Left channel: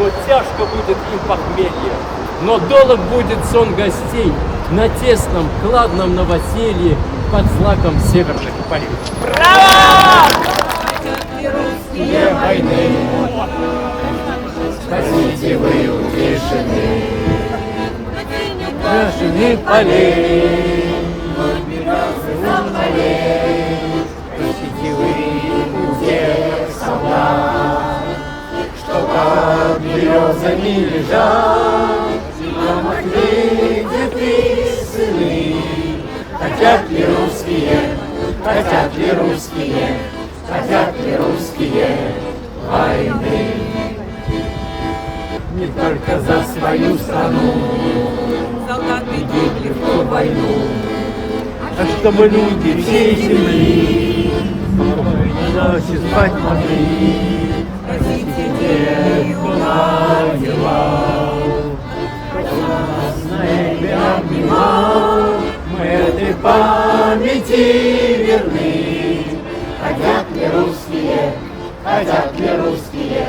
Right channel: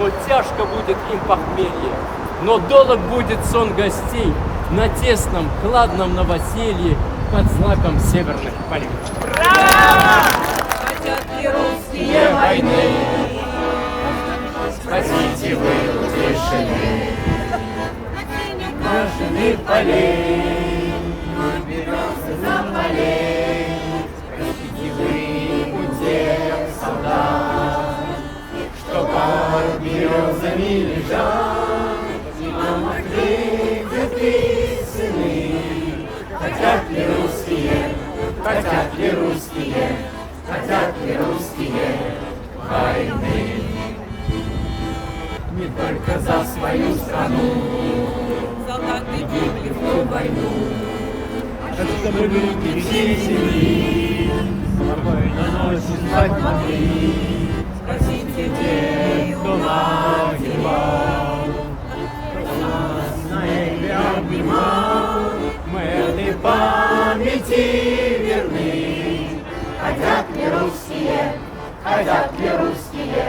но тяжко будет им похмелье. Но долг будет сон гостей на тесном, кладном новоселье под злаком северных полей. Русские войны, спасите вы утешены, башенных полей, березы за полей, спасите вы всех солдат, что под березами лежат, зима выйдет и сыны, хотят ли русские, хотят ли русские, хотят ли русские войны. Не только за свою страну солдаты гибли в ту войну, а чтобы люди всей земли спокойно ночью спать могли. Простите тех, кто воевал, кто нас на небе обнимал, мы этой памяти верны. Хотят ли русские, хотят ли русские,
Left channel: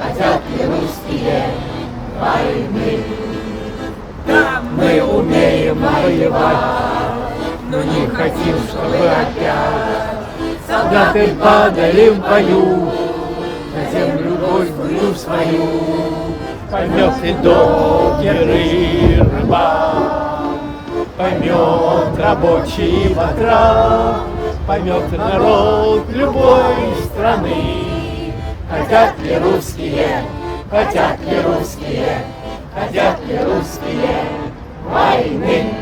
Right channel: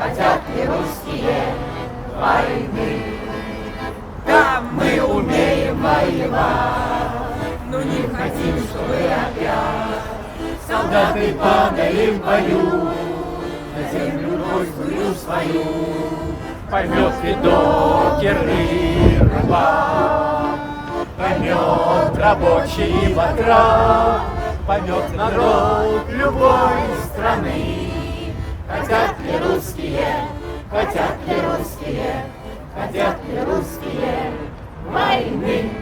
хотят ли русские войны? Да, мы умеем воевать, но не хотим, чтобы опять солдаты падали в бою, на землю розгую свою. Поймет и докер и рыбак, поймет рабочий и батрак, поймет народ любой страны. Хотят ли русские, хотят ли русские, хотят ли русские войны?